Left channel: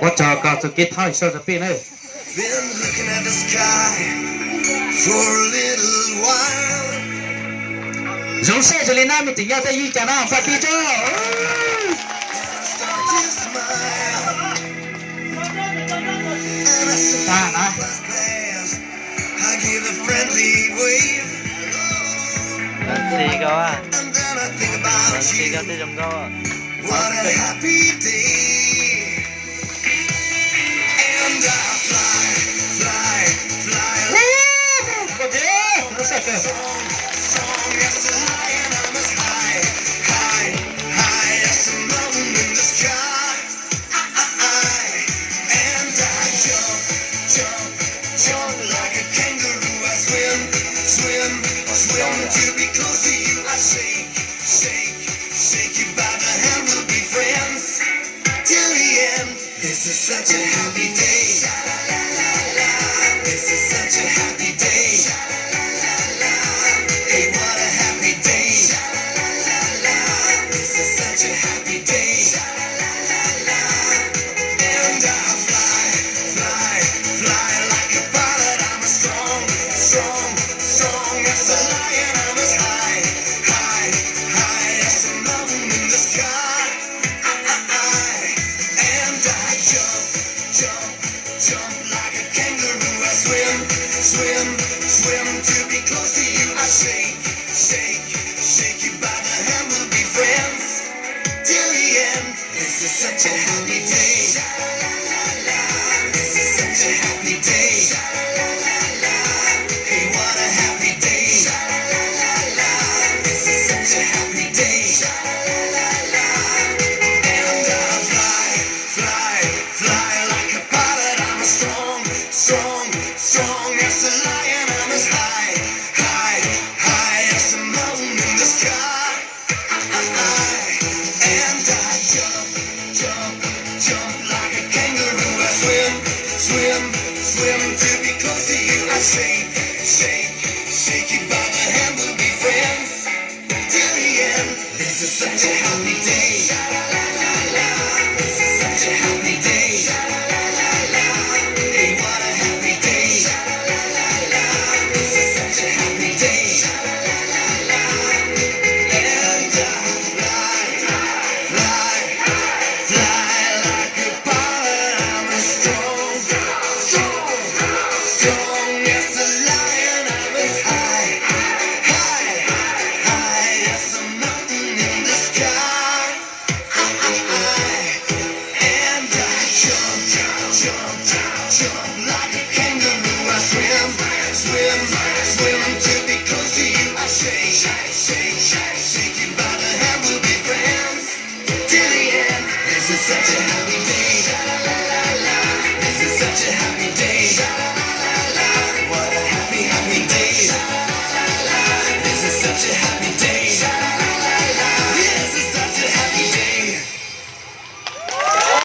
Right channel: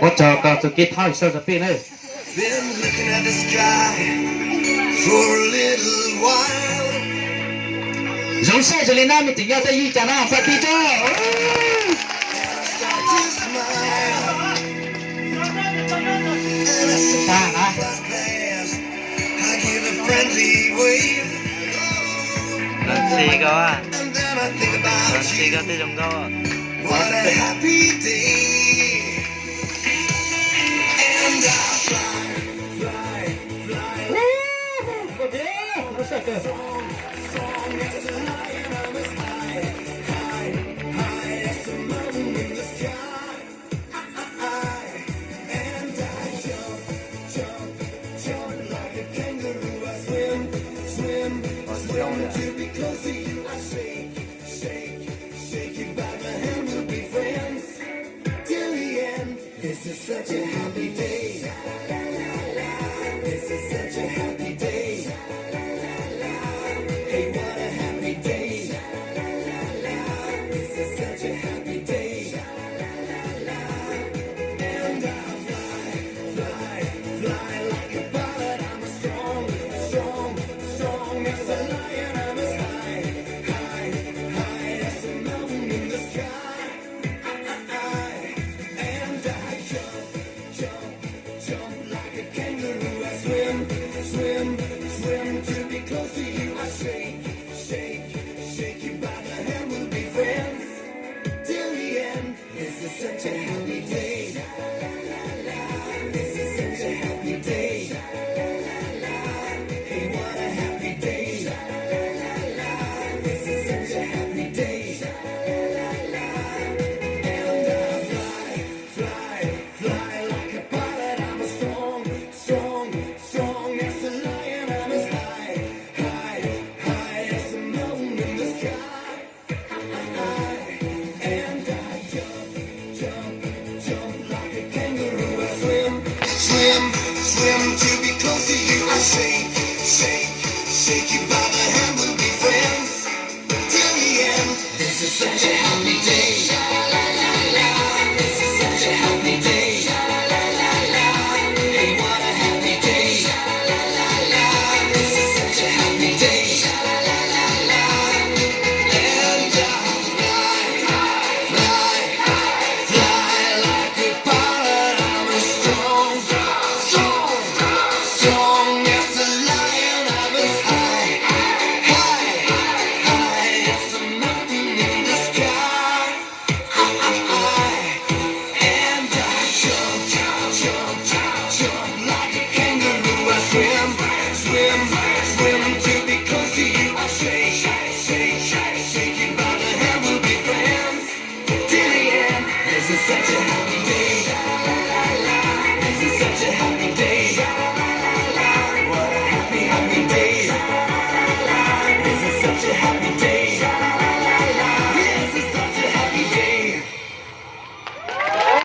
我找个这吉他手这边呢。Been looking at the sky for a little while. 荣晒这里那么紧要在一讲那发地着。Start to smile. And I saw 当然啦， class pass. I give a friendly wave. 能吃一个啊？ And then I think 能 about 吃一 you. 个这种高啊？ What a happy day. And I fly, fly, fly. 我别，不是这。 Strong as a lion, I'm as high, high, high as the mountain in the sky. And I jump, jump, jump like a kangaroo. I swim, swim, swim to be close to you. I shake, shake, shake you by the hand. We'll be friends till the end. This is such a happy day. This is such a happy day. Hey, what a happy day. This is such a happy day. And I fly, fly, fly like a pilot. I'm as strong, strong, strong as a lion. I'm as high, high, high as a mountain in the sky. And I jump, jump, jump like a kangaroo. I swim, swim, swim to be close to you. I shake, shake, shake you by the hand. We'll be friends till the end. This is such a happy day. This is such a happy day. Hey, what a happy day. This is such a happy day. And I fly, fly, fly like a pilot. I'm as strong, strong, strong as a lion. I'm as high, high, high as a mountain in the sky. And I jump, jump, jump like a kangaroo. I swim, swim, swim to be close to you. I shake, shake, shake you by the hand. We'll be friends till the end. This is such a happy day. This is such a happy day. Hey, what a happy day. This is such a happy day. And I fly, fly, fly like a pilot. I'm as strong, strong, strong as a lion. I'm as high, high, high as a mountain in the sky. And I jump, jump, jump like a kangaroo. I swim, swim, swim to be close to you. I shake, shake, shake you by the hand. We'll be friends till the end. This is such a happy day. This is such a happy day. What a happy, happy day. This is such a happy